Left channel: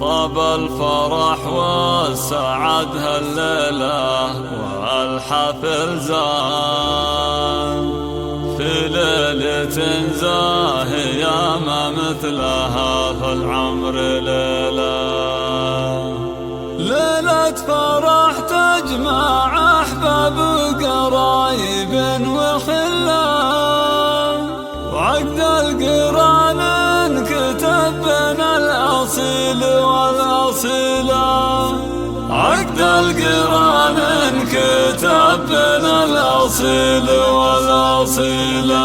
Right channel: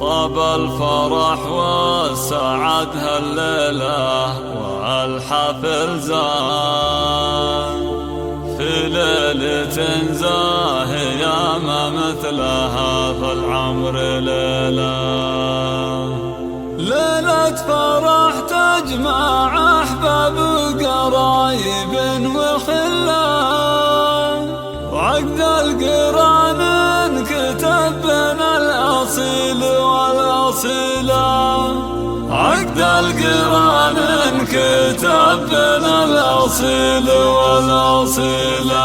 طاب الفرح والسعد هالليلة والحفل زان في ليلة زاهية ما مثلها في العمر ليلة فرح تجمع أحباب وقرايب وخلان وعقد القران انكتب بين الأصيل والأصيلة عقد القران انكتب بين الأصيل والأصيلة.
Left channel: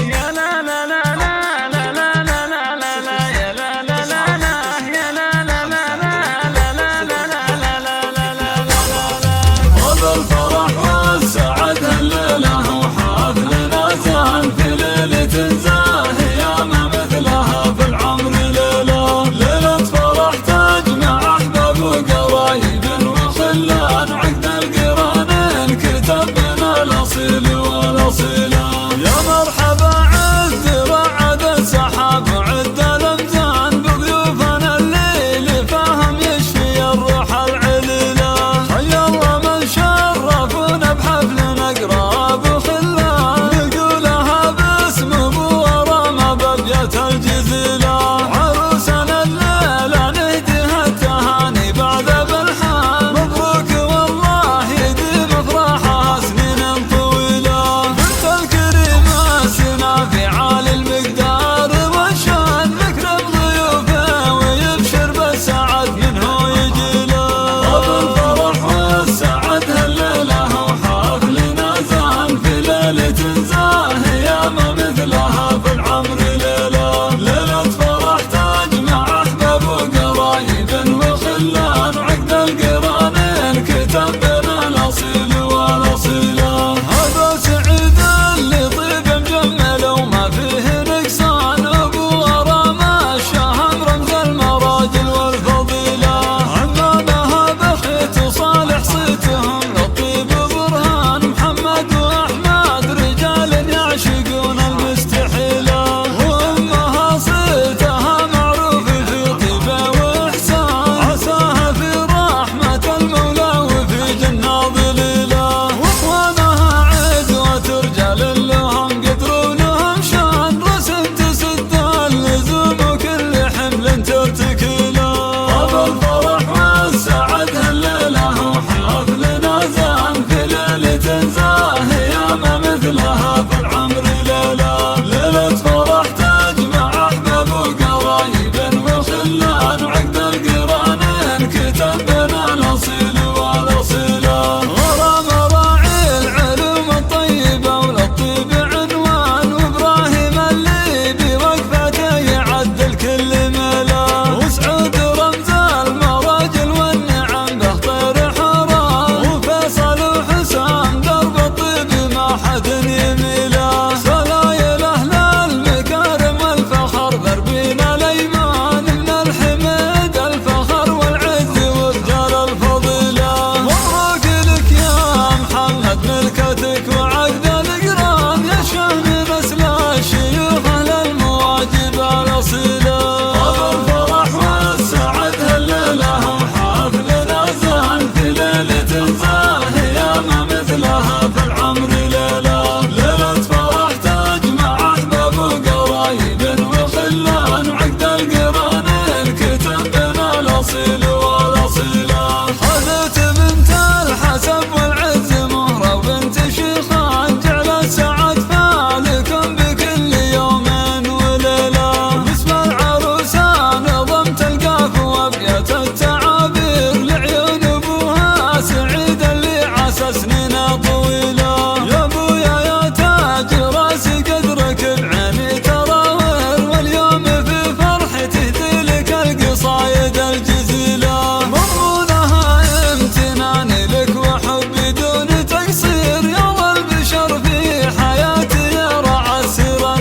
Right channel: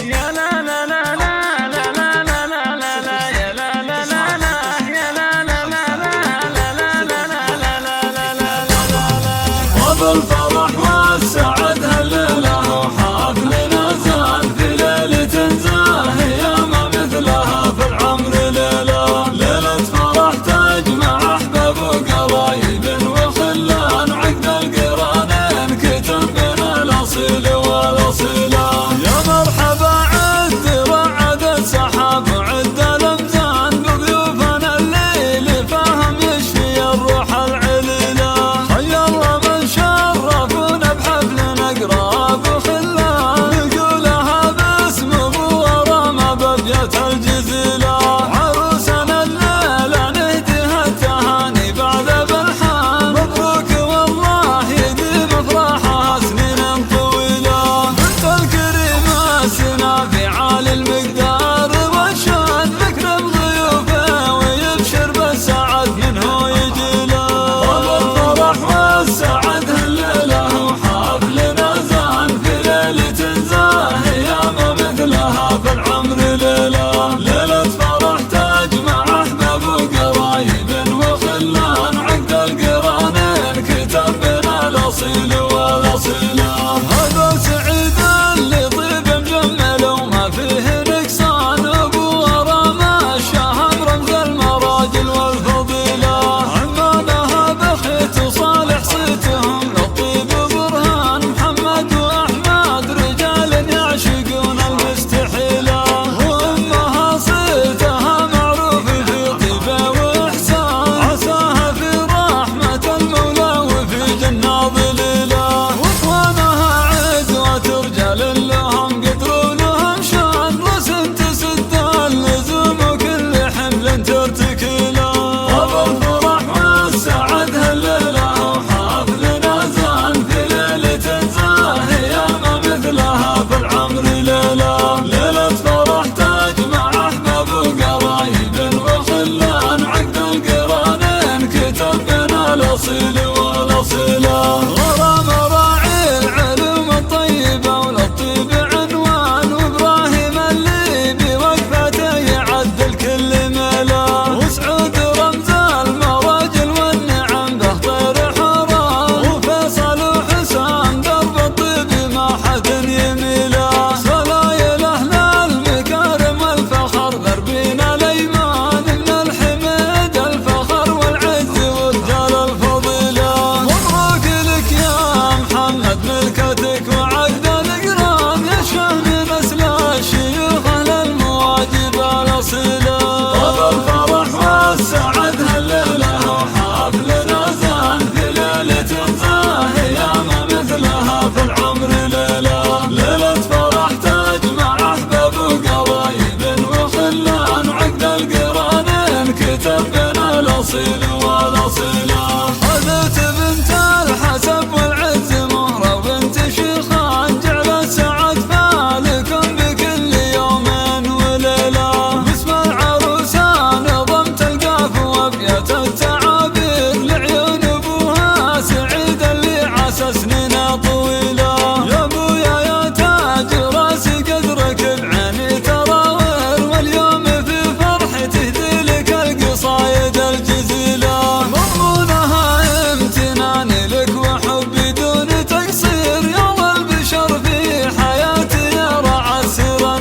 يا لا لا لا لا لا لا لا لا لا يا لا لا لا لا يا لا لا لا لا لا لا لا لا لا لا لا. وبالفرح والسعد هالليلة وحفلنا زان في ليلة زاهية ما مثلها في العمر ليلة فرح تجمع أحباب وقرايب وخلان عقد القران الكتب بين الأصيل والأصيلة. يا مرحبا عد رعد السحاب وعد الأمزان بضيوفنا الليل فهم يشفي الروح العليلة. حي الله من شرفونا بحفل أقراب وخلان نقولها باسم أبو ورامة بأبيات الجزيلة. عروسنا الليلة نهديها التهاني بعد بالحان مبروك والله يديم افراحها سنين طويلة. بنت الكريمة سنا في عالي المقدار والشان مكرم ضيوفه ويبشر بالسعد منه يجيله. وبالفرح والسعد هالليلة وحفلنا زان في ليلة زاهية ما مثلها في العمر ليلة فرح تجمع أحباب وقرايب وخلان عقد القران انكتب بين الأصيل والأصيلة. هذا سعيد اللي طيب مجمل وما فيه نقصان أبو ورامة الشهم رمز المراجل والفضيلة. عمانها بخيت وصالح صيتهم للطيب برهان محمد وأحمد رجال يعشقون المستحيلة. وأمها صيتها معروف في طيبة وإحسان عساها في رحمة المولى وفي جنة ظليلة. وإخوانها عزوة رجال لهم قدر ولهم شان رسم تسد اللزوم وكل حمل ترتكيله. وبالفرح والسعد هالليلة وحفلنا زان في ليلة زاهية ما مثلها في العمر ليلة فرح تجمع أحباب وقرايب وخلان عقد القران انكتب بين الأصيل والأصيلة. غرام راعي العلوم الطيبة وللطيب عنوان وإبراهيم اللي بوقفته يعدل كل ملا. وسعود رمز المراجل والنعم به طير حرام وفيصل وحسام درب الطيب ما حد يميله. سلايل أهل المكارم والفخر ضربين الأيمان من الحمد الفخر والعز ورجال الفضيلة. مبروك لك يا محمد ملكتك وعقد القران يا شهم نسل الشيوخ أهل المواجب الأصيلة. وبالفرح والسعد هالليلة وحفلنا زان في ليلة زاهية ما مثلها في العمر ليلة فرح تجمع أحباب وقرايب وخلان عقد القران الكتب بين الأصيل والأصيلة. خذت بنت الحسب والعز مهرة وبنت شيخان جعل السعد فالكم بكل يوم وليلة. وباسم العروسان نظمت القاف وابيات التعابير لعيون ابوها سعيد اللي عسى سنين طويلة. يا ابويا يا تاج راسي قدرك بعيني تراور واليوم في فرحي تهدي لك القصايد الجزيلة. مضمونها امتناني لك وحبي دون تقصير يا ظل البشر في حياتي يا رعى السير